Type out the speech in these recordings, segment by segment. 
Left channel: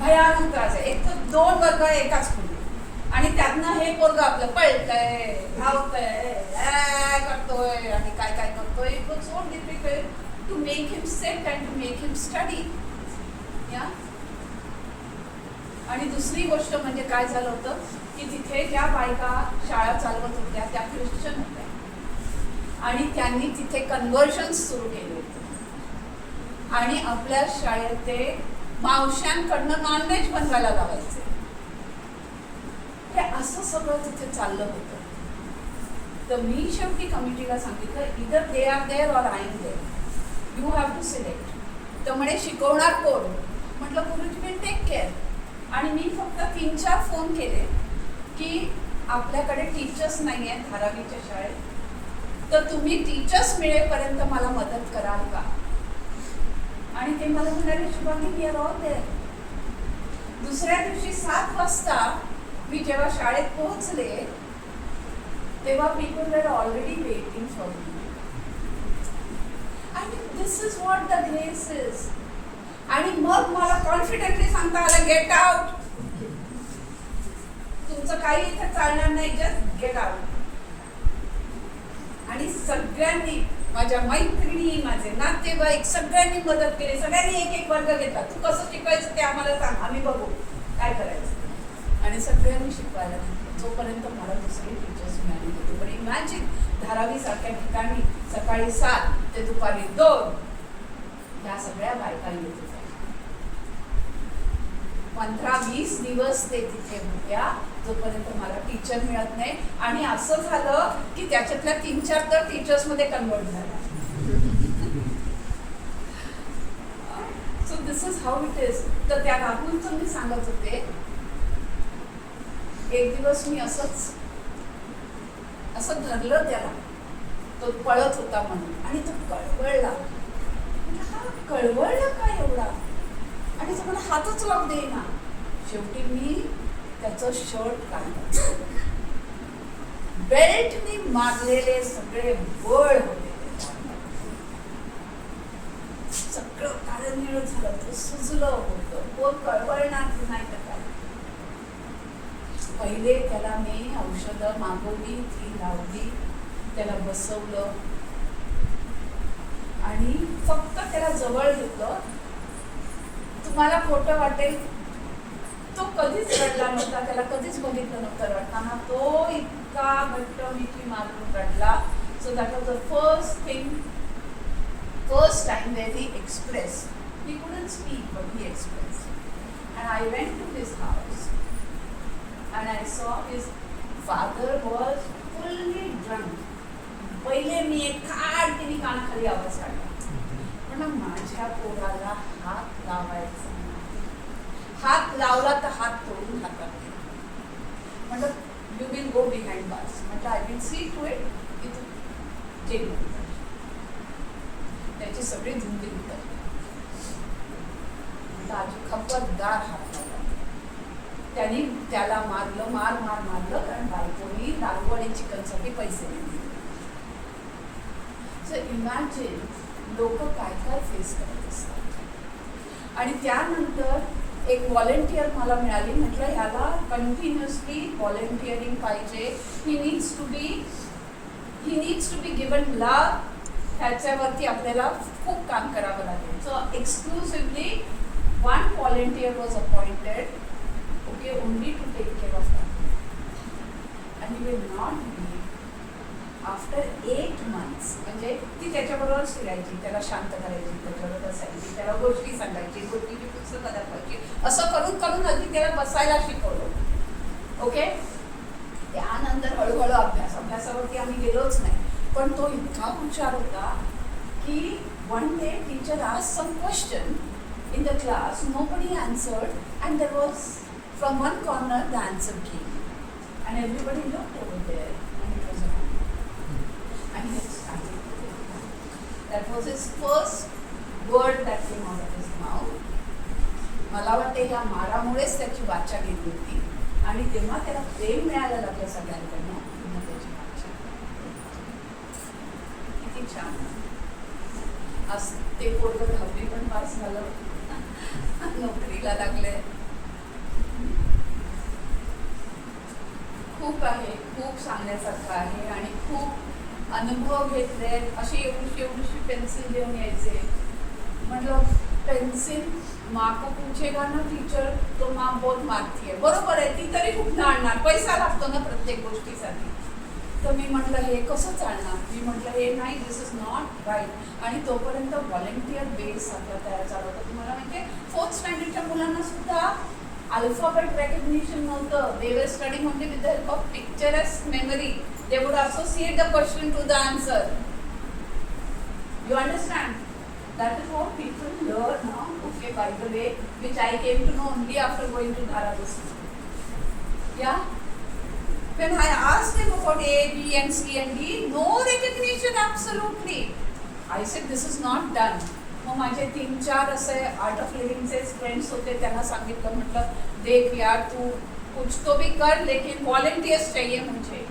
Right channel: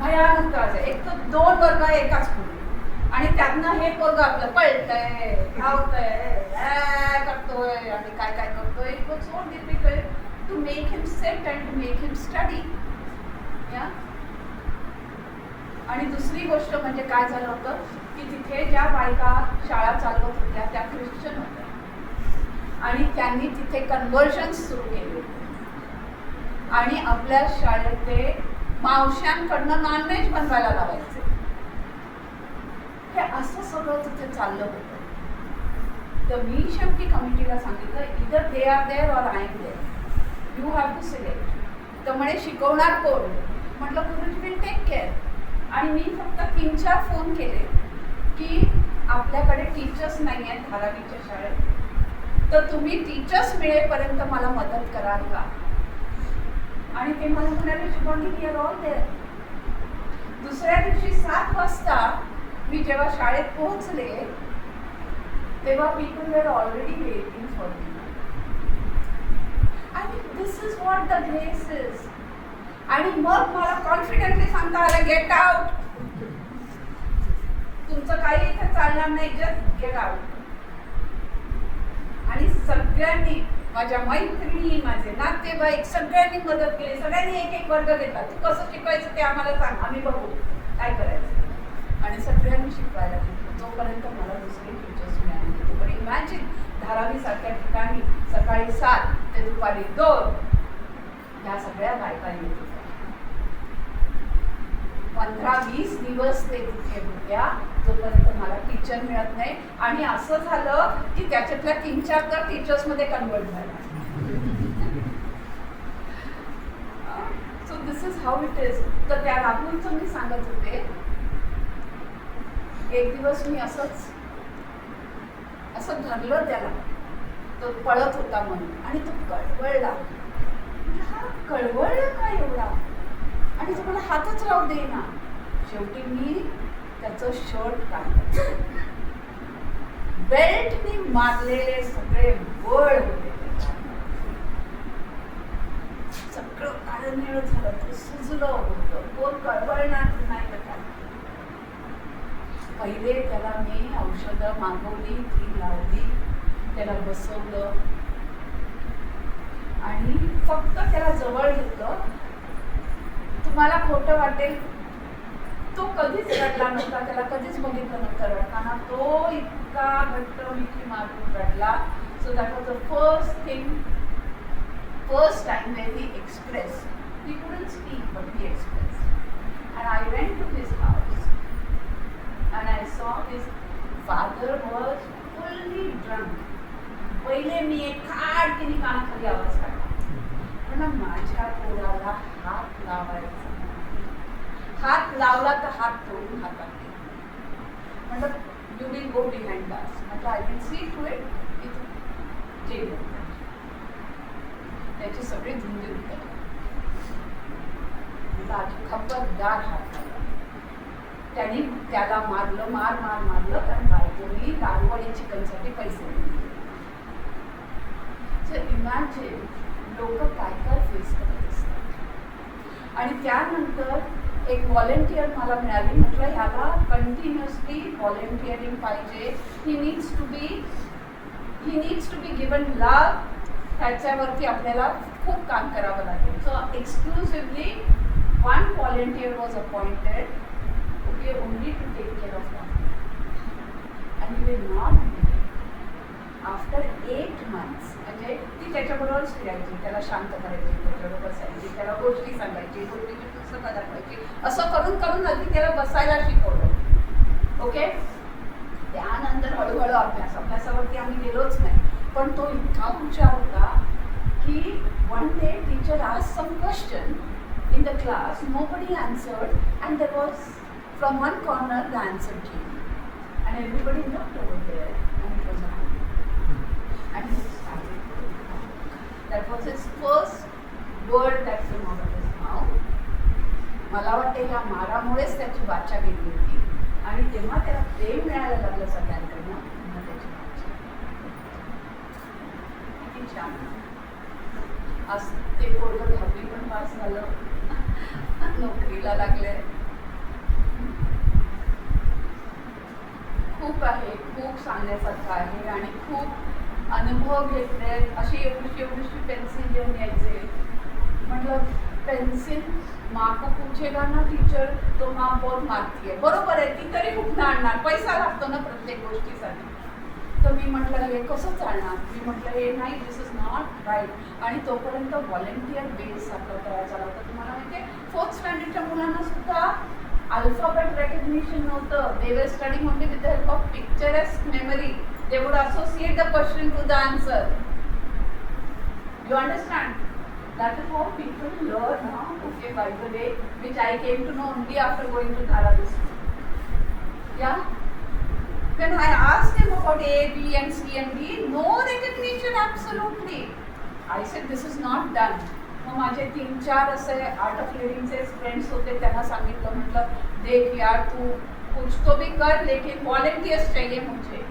भयानक त्रास आहे. एक तर 2 वर्ग एकाच खोली आणि त्यातनं हे पोरग आपलं पळतंय, धावतंय, करतोय आणि काय काय करतोय. It was so difficult to make him set and to make him study. या आणि दुसरी गोष्ट म्हणजे काय झालं होतं की तिथे ज्या बायका शाळा चालवत होत्या त्या ख्रिश्चन होत्या आणि त्यांनी तिथे कन्व्हर्जन्स सुरू केले होते आणि आपल्या शाळेत ते मावश्यांकडनं नॉनव्हेज बनवायला लावायचे. हे असं सगळं तिथे चाललं होतं. तर मी शेवटी कमिटीला सांगितलं इधर they are there or I am there, you have to select. तर म्हणे शिकवणार कोण? म्हटलं गुरुजी विल टेक केअर. आणि मी फक्त 3-4 फोन केले की आपल्याकडे टीचर्स नाही आहेत धारावीच्या शाळेत, तर तुम्ही टीचर्स मिळेपर्यंत मला मदत कराल का? आणि ते मला म्हणाले Shubhangi we are all there. दुसऱ्या दिवशी 7 वाजता मी जेव्हा शाळेत पोहोचले तेव्हा people were already waiting for me. आणि this is what the grace is. आणि मग मला कॉन्फिडेंटली सांगता आलं गेट आउट. तुमचं काही इथे चालणार नाही, जस्ट गेट आउट. आणि सगळ्यांनी, माझ्या मैत्रिणी, माझे नातेवाईक सगळ्यांनी मदत केली. सगळ्यांनी एक एक वर्ग घेतला. तू कसं शिकवायचं ते आम्हाला सांग, आम्ही बघू काय करायचं. आणि सगळ्यांनी शिकवायला घेतलं जोपर्यंत मला दुसरे टीचर्स मिळाले होते. पण इमॅजिन धारावी सारख्या ठिकाणी सकाळी 7 ते दुपारी 2 ह्या सगळ्या बायका येत होत्या. 15-20 दिवस ते तिथे होत्या जोपर्यंत मला टीचर मिळत नाही. आणि असं झालं की त्याच्यातल्या 3-4 तर टीचर्स मध्ये कन्वर्ट झाल्या. So this is how it is. तर त्या राहुलचं मी सांगत होते, एक दिवस मी असं धरलं त्याला, तो पळत होता म्हणून आणि तो कळवळला. हा कळवळला का एवढा? आणि तो मला हातच लावू देईना. शेवटी मी त्याचं शर्ट काढलं. बेल्टने मारलेले सगळे बळ होते, सगळं काळं निळ झालं. ते सुजलं होतं. कोण कळवळणार नाही का? पहिले त्याला मी औषधं मागवली, ती लावली, त्याला बसवलं आणि फक्त त्याला जवळ घेतलं. तुम्हाला खोटं वाटेल, तो कधीच रडला नव्हता. त्याला कधीच बघितलं नव्हतं रडताना. तो इतका घट्ट मिठी मारून रडला. So that was the first time where he express. He couldn't speak but he express. And I went to his house and I saw his father was fully drunk. पहिले मी एक खाडकीने कानाखाली आवाज काढला, पण माझ्या पोराला हात लावायचा. हात लावला तर हात तोडून हातात घे. म्हटलं you will go behind bars. म्हटलं I will see to it की तू जेल. त्याची सगळी धुंदी उतरली. खबरदार हात लावला. त्यांनी त्याला मारलं, मारलं, कारण बायकोनी दारू आणि चिकनसाठी पैसे दिले. सो इमॅजिन लोक काय काय फेस करत असतात. आणि त्यानंतर एक व्हॉलेंटियर मला मिळाली. म्हटलं ह्याला कंटिन्युअसली व्हॉलेंटिअरिंग पाहिजे. He needs to be given love. ह्याच्यावरती आपल्याला खूप काम करावं लागेल. So exclusively 1 volunteer was appointed only to take care of that. And he will not be. After 8 months, म्हणजे ती त्याच्याबरोबरच फिरायची, त्याला शांत करायची, त्याच्याबरोबर बसायची, त्याला गोष्टी सांगायची, गोष्टीची पुस्तकं दाखवायची. असं करून करून अगदी त्याला बसायला शिकवलं. ओके. त्यानंतर हळूहळू अभ्यासावरती आम्ही गेलोच नाही. पण तो इतका हुशार होता की one day teacher asked some question in the class, nobody answered, and there was from one corner the answer came, and everybody looked over there, and it was on. And he started. That was his first word that came out of his mouth. मला वाटते ह्या मारामुळेच त्याची वाचा गेली होती आणि तेव्हा त्याला प्रेम मिळायला लागलं सगळ्यांकडनं. त्याची वाचा किती छान. आज ते पोरगं 10वी पण पास झालं, नोकरीला लागले. खूप आहे, खूप सांगण्यासारखं आहे आणि खूप अनुभव घेतले. अशी एवढीशी पेन्सिल घेऊन यायचे. म्हटलं पेन्सिल माँ को पूछेगा ना टीचर तो माँ बहुत मारती है. बरोबर आहे, ती तरी कुठनं आणणार, पैसा लागतो ना प्रत्येक गोष्टीसाठी. तर मी म्हटलं हे कसं चालणार. मी म्हटलं हे नाही, दिस इज नॉट राईट. आणि तोपर्यंत व्हॉलेंटियर बेस आपला तयार झाला होता. तुम्हाला माहिती आहे 4th स्टँडर्डच्या मुलांना सुद्धा अल्फाबेट रेकग्निशन नव्हतं. They were studying only with the help of picturesque memory. They would associate the question to the answer. You understand? That is how people learn now. Okay, by the way, which I came to know only after going to Dharadis. Yeah? When I asked him about A, B and C and D, no recognition absolutely. I said this is not done. मग माझे 3-4 असे art of लिव्हिंगचे friends होते, त्यांना सांगितलं, म्हटलं देख यार तू कुछ तो भी कर लेकिन वॉलंटियर्स चाहिए मुझे.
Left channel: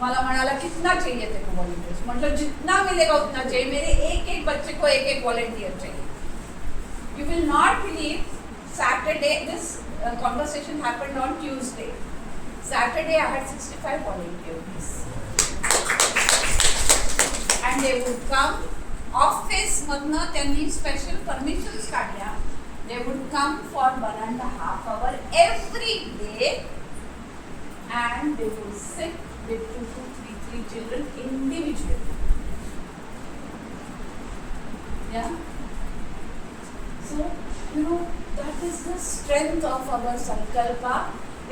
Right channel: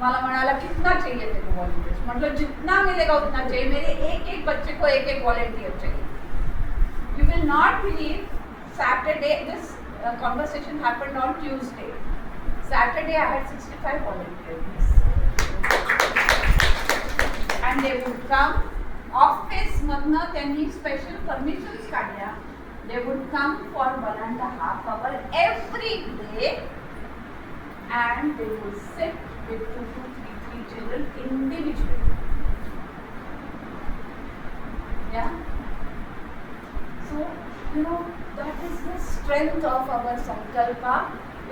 मला म्हणाला कितना चाहिए तेरे को वॉलंटियर्स. मतलब जितना मिलेगा उतना चाहिए. मेरे एक बच्चे को एक वॉलंटियर चाहिए. You will not believe, Saturday this conversation happened on Tuesday. Saturday I had 65 volunteers and they would come. Office मधनं त्यांनी स्पेशल परमिशन्स काढल्या. They would come for 1.5 hours every day and they would sit with 2 to 3 children individually. Yeah. So, that is the strength of our sankalpa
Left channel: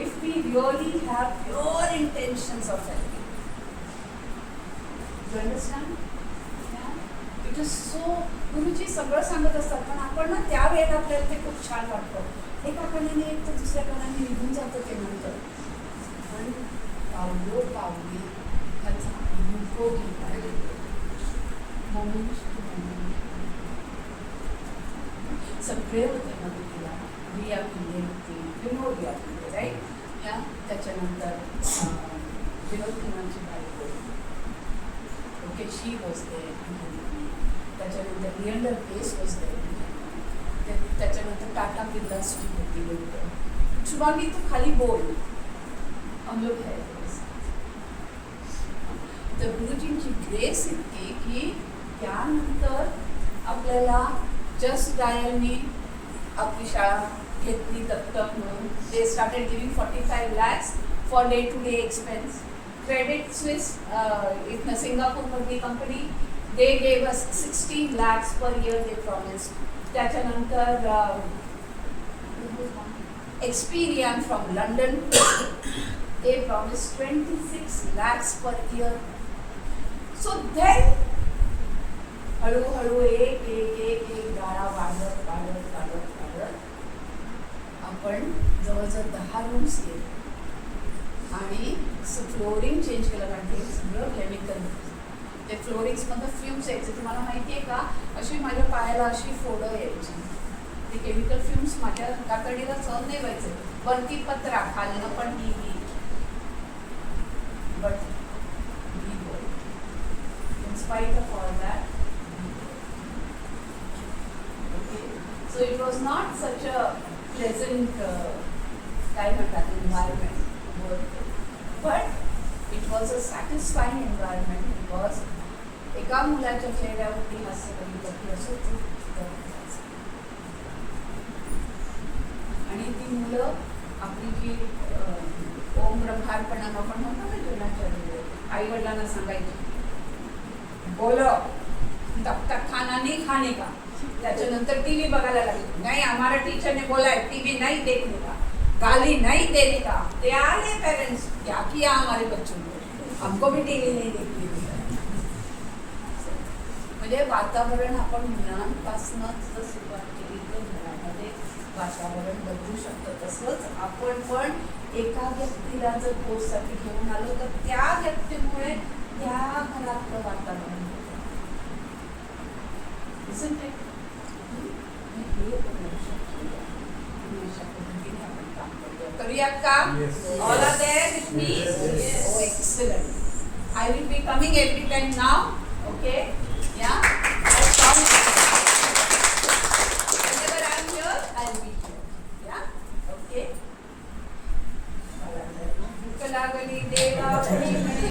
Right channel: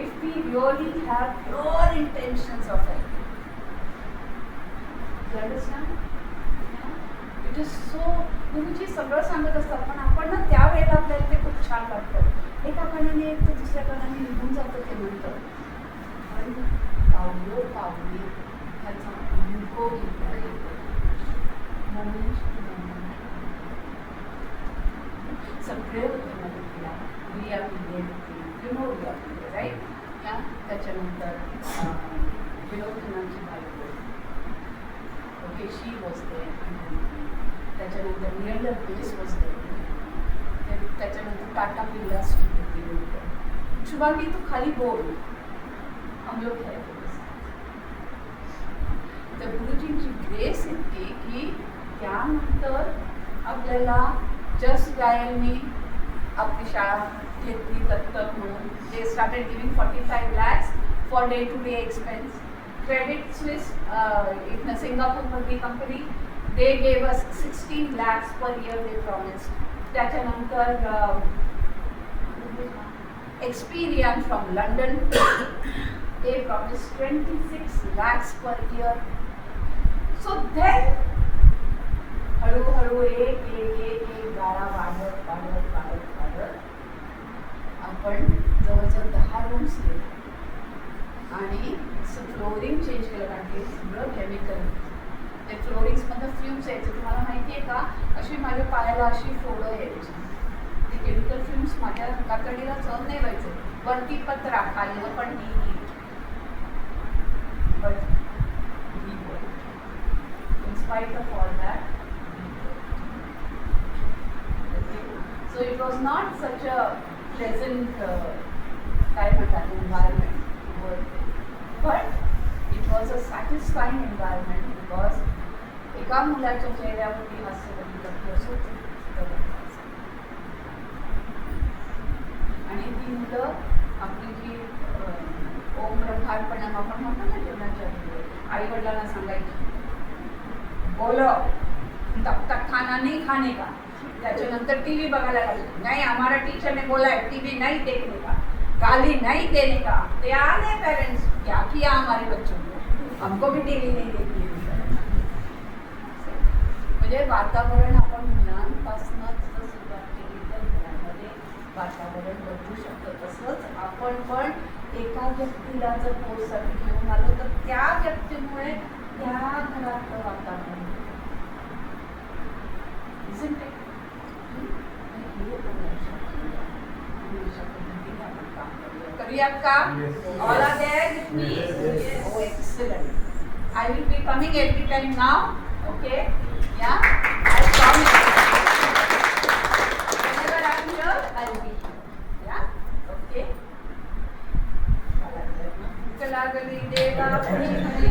if we really have pure intentions of it. You understand? Yeah. It is so, गुरुजी सगळं सांगत असतात, पण आपण ना त्यावेळेला आपल्याला ते खूप छान वाटतं. एका कानाने एक तर दुसऱ्या कानाने निघून जातं ते नंतर. आणि पावली ह्याचा मुको घेता येतो. सगळे होते मदतीला. रिया पिल्ले होती, रिया पिल्ले राईट. या त्याच्यानंतर विनोद खन्नाची बायको, ओके, शी वॉज देअर. त्याच्यानंतर लिएंडर पेस वॉज देअर. त्याच्यानंतर टाटा बिर्लास होती. शुभांगी तू खाली बोल, हम लोग है. तर गुरुजींची ग्रेस इतकी की त्यानंतर आपल्याला जस्ट डायलनी आपली शाळा घेतली दत्तक म्हणून. They started giving 45 lakhs for day to day expense. Credit Suisse इथनं सिंगापूरमधली कंपनी, they gave us 16 lakhs per year they promise. त्याच्यानंतर Experian from London, they promised 26 lakhs per year. So then हळूहळू एक गाळा वाढत आपण जवळजवळ 10 रूम्स केले आणि फ्लोरिंग चेंज केलं. कारण ते सगळं केमिकल, ते फ्लोरिंग्समधनं फ्युम्स यायचे. तुम्हाला माहिती आहे का, अशी माझ्या पायाला अशी फोडं यायची. ते केमिकल फ्युम्स माझ्या कातडीला सहन नाही व्हायचे. वरती पत्रा, खाल्लं पण ही. But we were. In spite of all that, okay. So it was not such a pleasant kind of an environment to work in. But it was a satisfying environment because एका मुलाच्या चेहऱ्यावरती हास्य बघितलं की असं आणि ती मुलं आपली जी ओम ब्रह्मार्पणम आपण म्हणतो ना जेवणाच्या आई वडिलांना सांगायची, बोलो तब तक खाना नहीं खाने का. त्याच्यानंतर टीव्ही बघायला लागले. नाही, हमारा टीचर ने बोला है टीव्ही नहीं देखने का, गाली नहीं देने का. ते आले पेरेंट्स, क्या किया हमारे बच्चों को, हमको भी टीव्ही नहीं देखने. म्हणजे वातावरण आपण मुलांपासूनच सुरुवात केली तर घरामध्ये वातावरण बदलू शकतं. तसंच आपण पण एका व्यक्तीला जर कोर्ससाठी घेऊन आलो तर त्या व्यक्तीमुळे त्या घरातलं वातावरण अशा पद्धतीने आपण काम करूया का? All are there with me? Oh excellent. I will be coming every time now. Okay, या I promise. Whenever I am here, I will be here. Yeah? Okay. लागली देवा कोणी म्हणे